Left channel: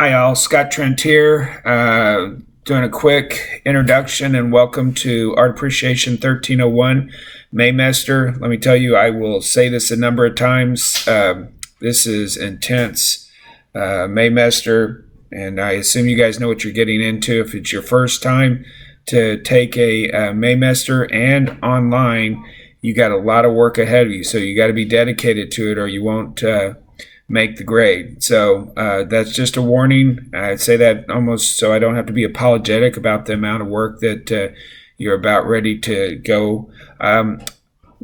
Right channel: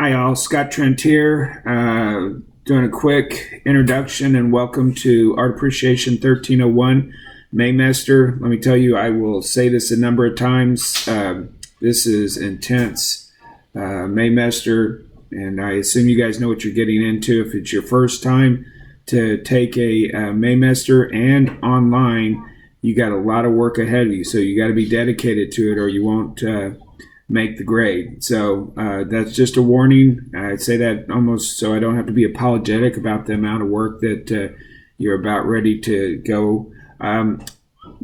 Hi, all. Scott Trent here, doing a quick introduction and welcome to Art Appreciation 1301 Maymester. Let me tell you, I will say this a number of times. This is intense Maymester, and I assume you guys know what you're getting into. If it's your first time to take a Maymester and online, you got a lot of work ahead of you, so you got to be dedicated to it or you won't make the grade. So that's just a warning. I say that almost so I don't have to be apologetic about the amount of work that you're about ready to go.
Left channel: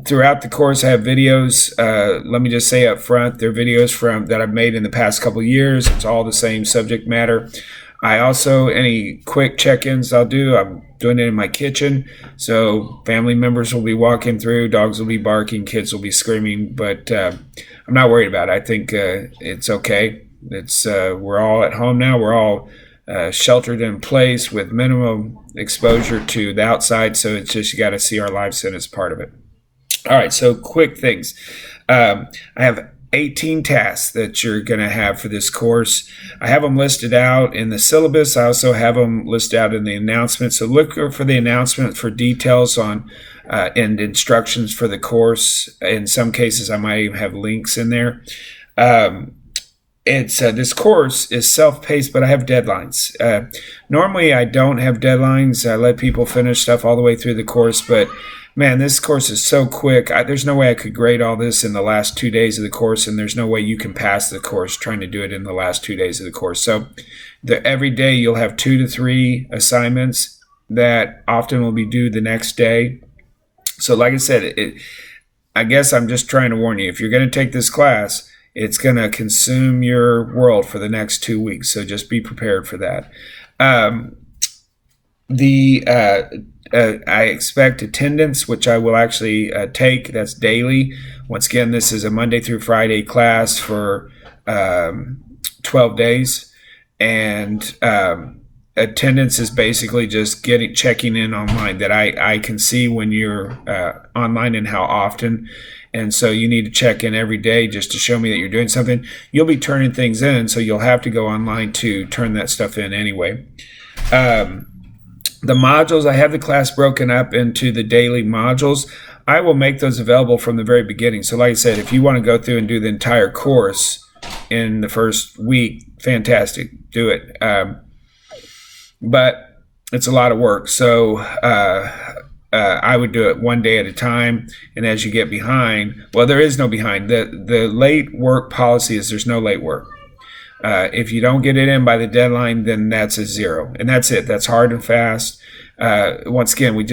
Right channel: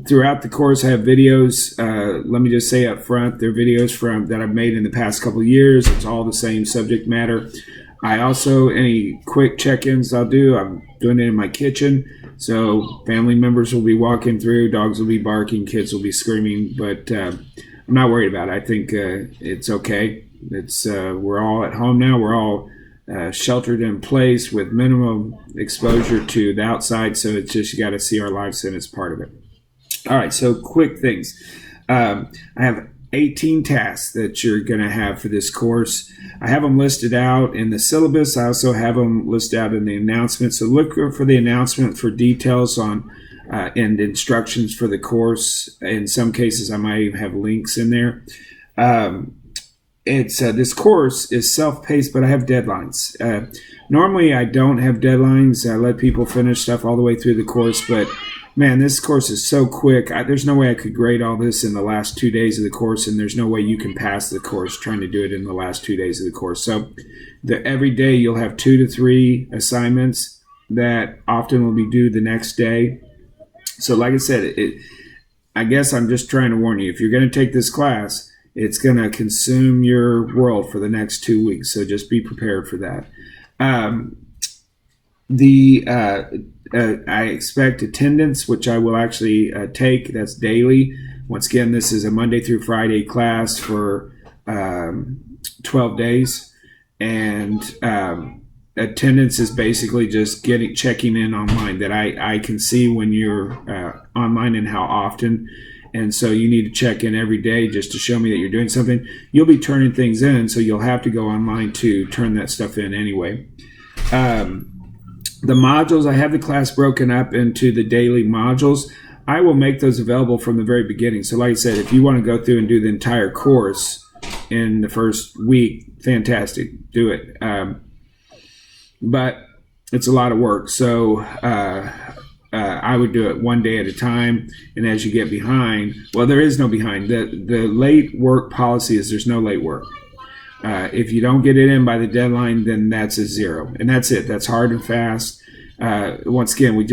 Throughout the course, I have videos. Let me just say up front, they're videos that I've made in the past couple of years. It's all the same subject matter. I also, any quick check-ins I'm doing it in my kitchen. So family members will be walking through, dogs will be barking, kids will be screaming, but I'm not worried about it. I think it's okay. We're all at home now. We're all sheltered in place with minimum exposure to the outside. So it's just you got to see our lives in as part of it. All right. So quick things. I have 18 tasks that you're going to have for this course. I have them listed out in the syllabus. I also have them listed out in the announcement. So look for the announcement for details on and instructions for the course. In some cases, I might even have links in there. This course is self-paced, but I have deadlines. Normally, I don't have deadlines. I let people finish stuff all the way through the course, but man, this course is so quick. There's no way I could grade all this in the last 2 days of the course, and there's no way you can pass the course trying to do it in the last 2 days of the course. So every day you'll have 2 to 3 assignments that often will be due the next day. So like I said, I guess I'm just trying to warn you, if you're going to take this class, it's going to consume your world for the next 2 weeks. So just be prepared for that. I expect attendance, which I will actually take. That's daily. Once again, this is a Monday through Friday class for 12 days. And attendance is basically just checking in online, that I can see when you're online and how often. And so you need to check in every day just to show me that you're doing something. You'll be turning things in, so you'll have to go online to turn that stuff in anyway. The modules, I have the class broken up into the daily modules. I will make those available from the very beginning. So like I said, if you want to go through and do the entire course in the first week, fantastic, do it. But it's a lot of work. So I would do it one day at a time. And as you get behind, well, there is no behind. The late work policy is there's no late work. If you don't get it in by the deadline, then that's a 0. And that's it. That's hard and fast. Once again,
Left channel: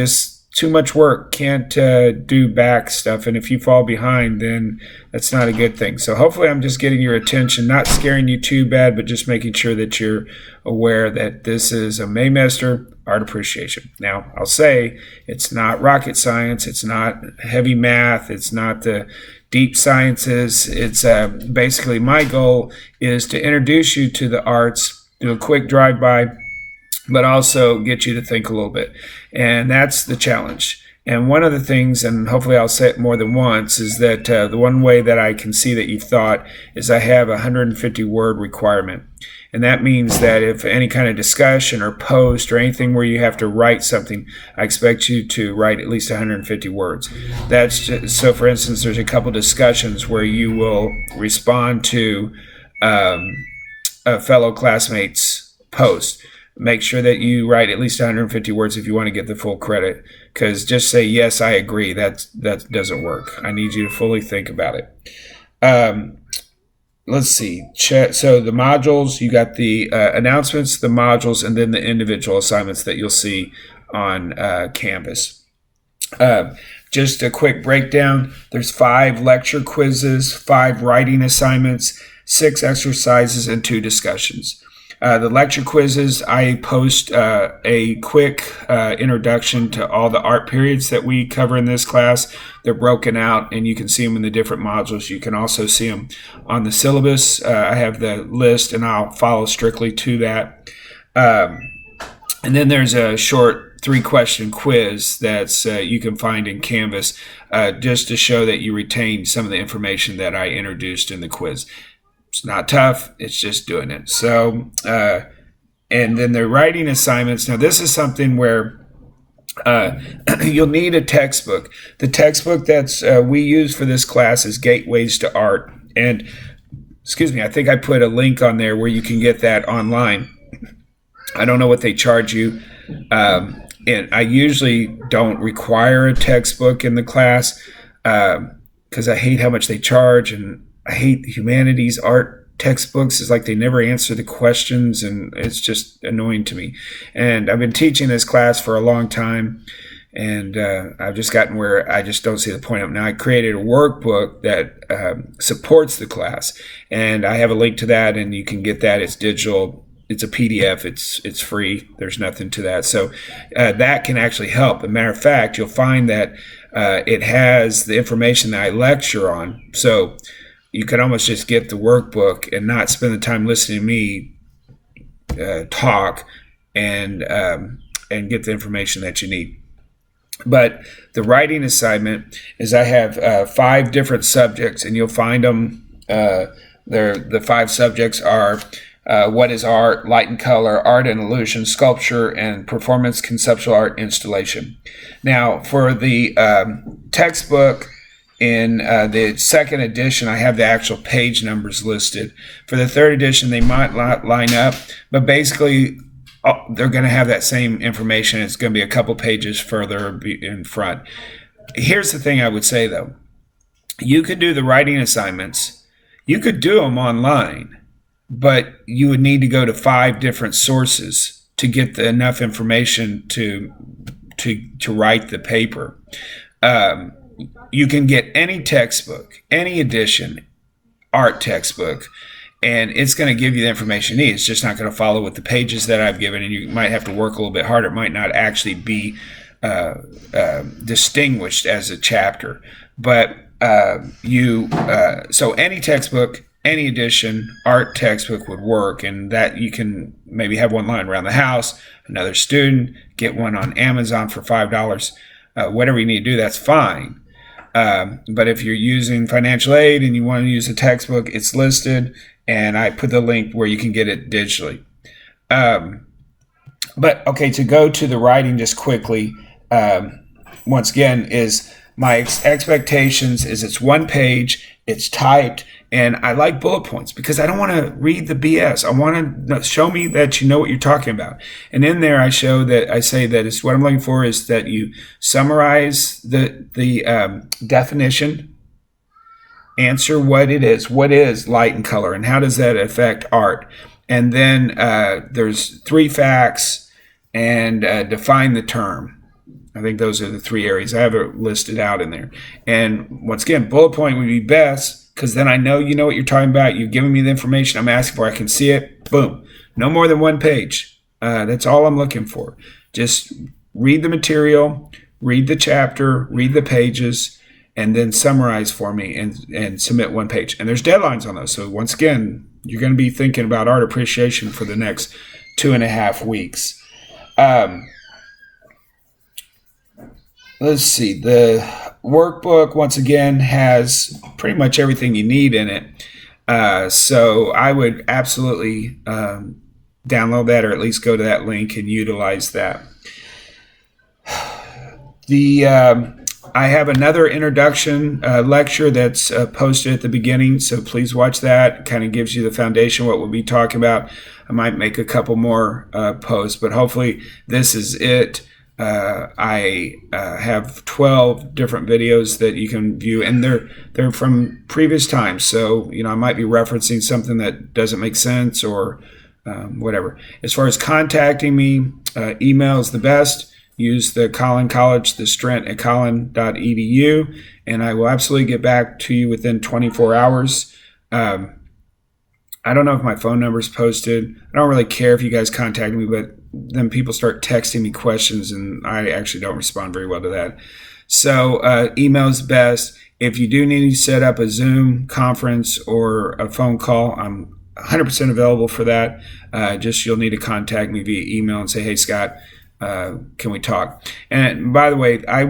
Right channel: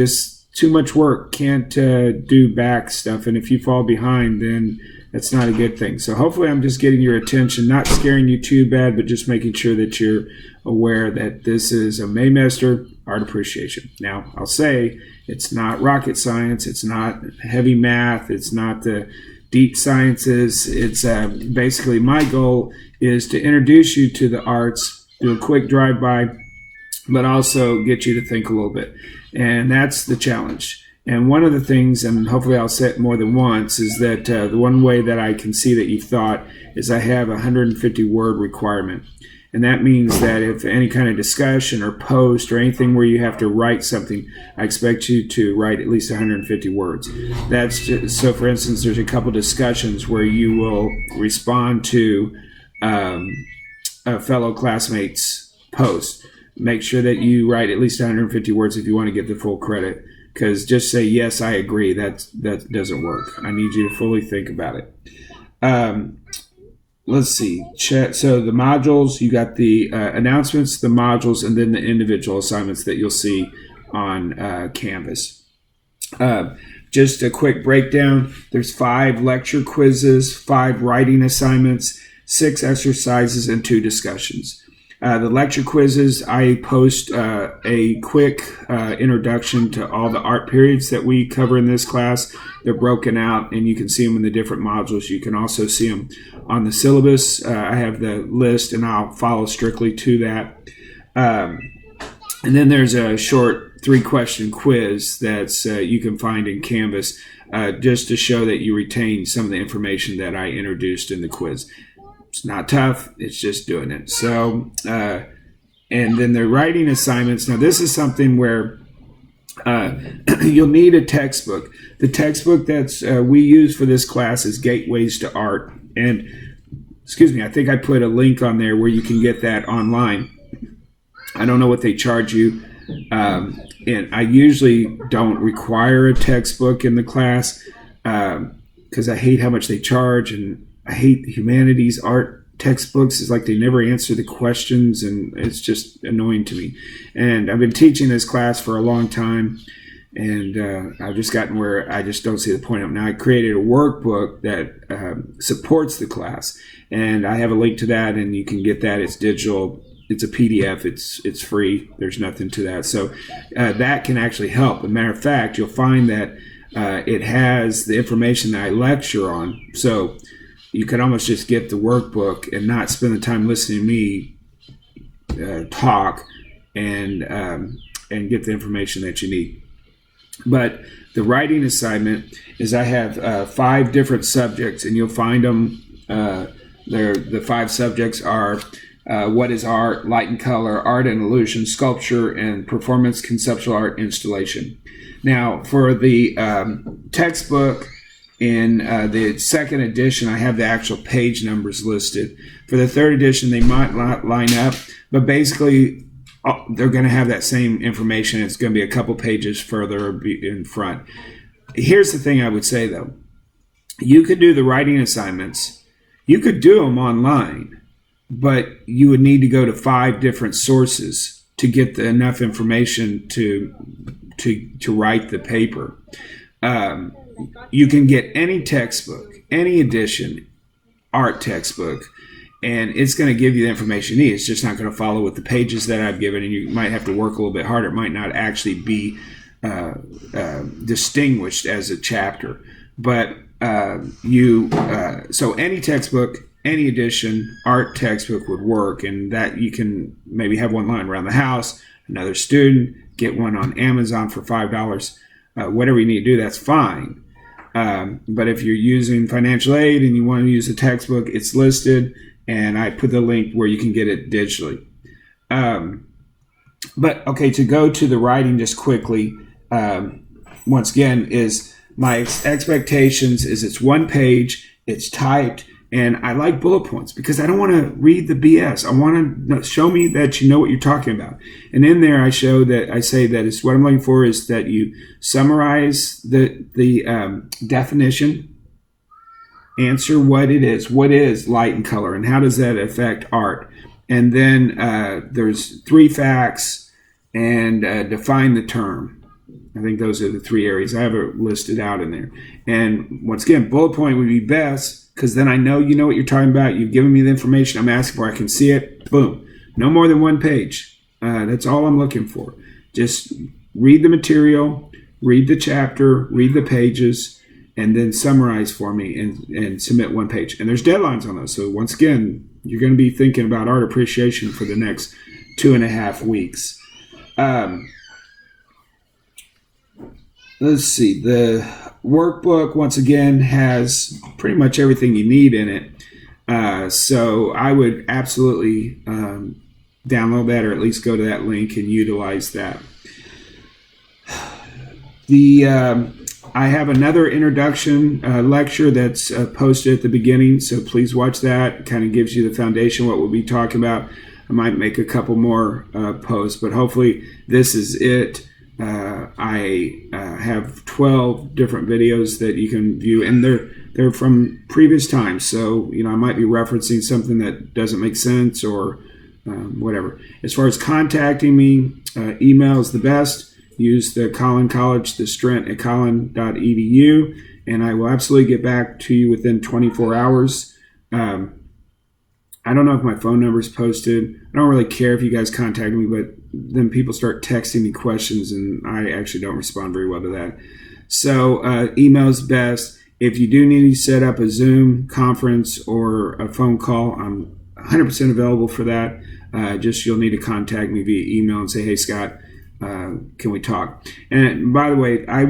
too much work, can't do back stuff. And if you fall behind, then that's not a good thing. So hopefully I'm just getting your attention, not scaring you too bad, but just making sure that you're aware that this is a Maymester Art Appreciation. Now, I'll say it's not rocket science. It's not heavy math. It's not the deep sciences. It's basically my goal is to introduce you to the arts, do a quick drive-by, but also get you to think a little bit. And that's the challenge. And one of the things, and hopefully I'll say it more than once, is that the one way that I can see that you've thought is I have a 150-word requirement. And that means that if any kind of discussion or post or anything where you have to write something, I expect you to write at least 150 words. That's just, so for instance, there's a couple discussions where you will respond to a fellow classmate's post. Make sure that you write at least 150 words if you want to get the full credit, because just say, yes, I agree, that doesn't work. I need you to fully think about it. Let's see. So the modules, you got the announcements, the modules, and then the individual assignments that you'll see on Canvas. Just a quick breakdown. There's 5 lecture quizzes, 5 writing assignments, 6 exercises, and 2 discussions. The lecture quizzes, I post a quick introduction to all the art periods that we cover in this class. They're broken out, and you can see them in the different modules. You can also see them on the syllabus. I have the list, and I'll follow strictly to that. And then there's a short 3-question quiz that's you can find in Canvas just to show that you retain some of the information that I introduced in the quiz. It's not tough. It's just doing it. So, and then the writing assignments. Now, this is something where you'll need a textbook. The textbook that's we use for this class is Gateways to Art. And, excuse me, I think I put a link on there where you can get that online. I don't know what they charge you. And I usually don't require a textbook in the class because I hate how much they charge, and I hate humanities art textbooks. It's like they never answer the questions, and it's just annoying to me. And I've been teaching this class for a long time, and I've just gotten where I just don't see the point of it. Now, I created a workbook that supports the class, and I have a link to that, and you can get that. It's digital. It's a PDF. It's free. There's nothing to that. So that can actually help. As a matter of fact, you'll find that it has the information that I lecture on. So you can almost just get the workbook and not spend the time listening to me talk and get the information that you need. But the writing assignment is I have 5 different subjects, and you'll find them. The 5 subjects are what is art, light and color, art and illusion, sculpture, and performance conceptual art installation. Now, for the textbook in the 2nd edition, I have the actual page numbers listed. For the 3rd edition, they might not line up, but basically they're going to have that same information. It's going to be a couple pages further in front. Here's the thing I would say, though. You could do the writing assignments. You could do them online, but you would need to go to 5 different sources to get enough information to write the paper. You can get any textbook, any edition, art textbook, and it's going to give you the information you need. It's just not going to follow with the pages that I've given, and you might have to work a little bit harder. It might not actually be distinguished as a chapter. But so any textbook, any edition, art textbook would work, and that you can maybe have one lying around the house. Another student, get one on Amazon for $5. Whatever you need to do, that's fine. But if you're using financial aid and you want to use a textbook, it's listed, and I put the link where you can get it digitally. But okay, to go to the writing just quickly, once again, is my expectations is it's 1 page, it's typed, and I like bullet points because I don't want to read the BS. I want to show me that you know what you're talking about. And in there, I say that it's what I'm looking for is that you summarize the definition, answer what it is. What is light and color, and how does that affect art? And then there's 3 facts, and define the term. I think those are the 3 areas. I have it listed out in there. And once again, bullet point would be best, because then I know you know what you're talking about. You've given me the information I'm asking for. I can see it. Boom. No more than 1 page. That's all I'm looking for. Just read the material, read the chapter, read the pages, and then summarize for me and submit 1 page. And there's deadlines on those. So once again, you're going to be thinking about art appreciation for the next 2.5 weeks. Let's see. The workbook, once again, has pretty much everything you need in it. So I would absolutely download that, or at least go to that link and utilize that. I have another introduction lecture that's posted at the beginning, so please watch that. It kind of gives you the foundation, what we'll be talking about. I might make a couple more posts, but hopefully this is it. I have 12 different videos that you can view, and they're from previous times. So, I might be referencing something that doesn't make sense or whatever. As far as contacting me, email is the best. Use the Collin College, the Trent at collin.edu, and I will absolutely get back to you within 24 hours. I don't know if my phone number is posted. I don't really care if you guys contact me, but then people start texting me questions, and I actually don't respond very well to that. So email is best. If you do need to set up a Zoom conference or a phone call, I'm 100% available for that. Just you'll need to contact me via email and say, hey, Scott, can we talk? And by the way, I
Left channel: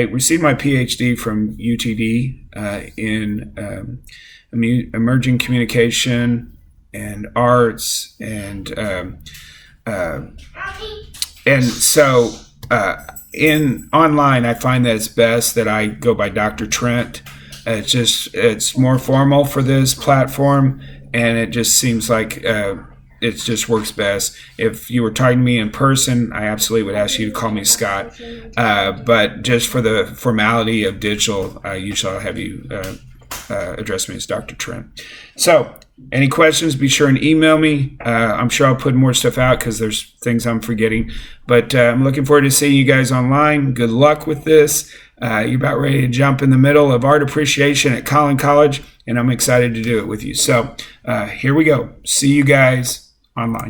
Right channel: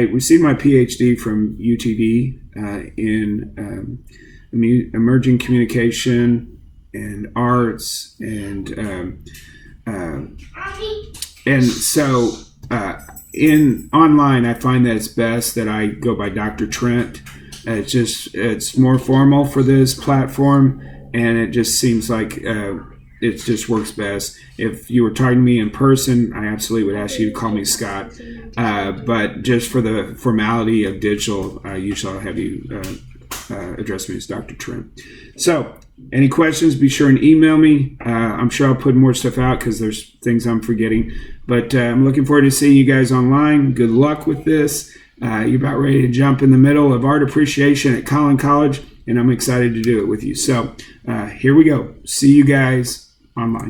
received my PhD from UTD in emerging communication and arts, and so in online, I find that it's best that I go by Dr. Trent. It's more formal for this platform, and it just seems like it just works best. If you were talking to me in person, I absolutely would ask you to call me Scott. But just for the formality of digital, usually I'll have you address me as Dr. Trent. So, any questions, be sure and email me. I'm sure I'll put more stuff out because there's things I'm forgetting. But I'm looking forward to seeing you guys online. Good luck with this. You're about ready to jump in the middle of art appreciation at Collin College, and I'm excited to do it with you. So here we go. See you guys online.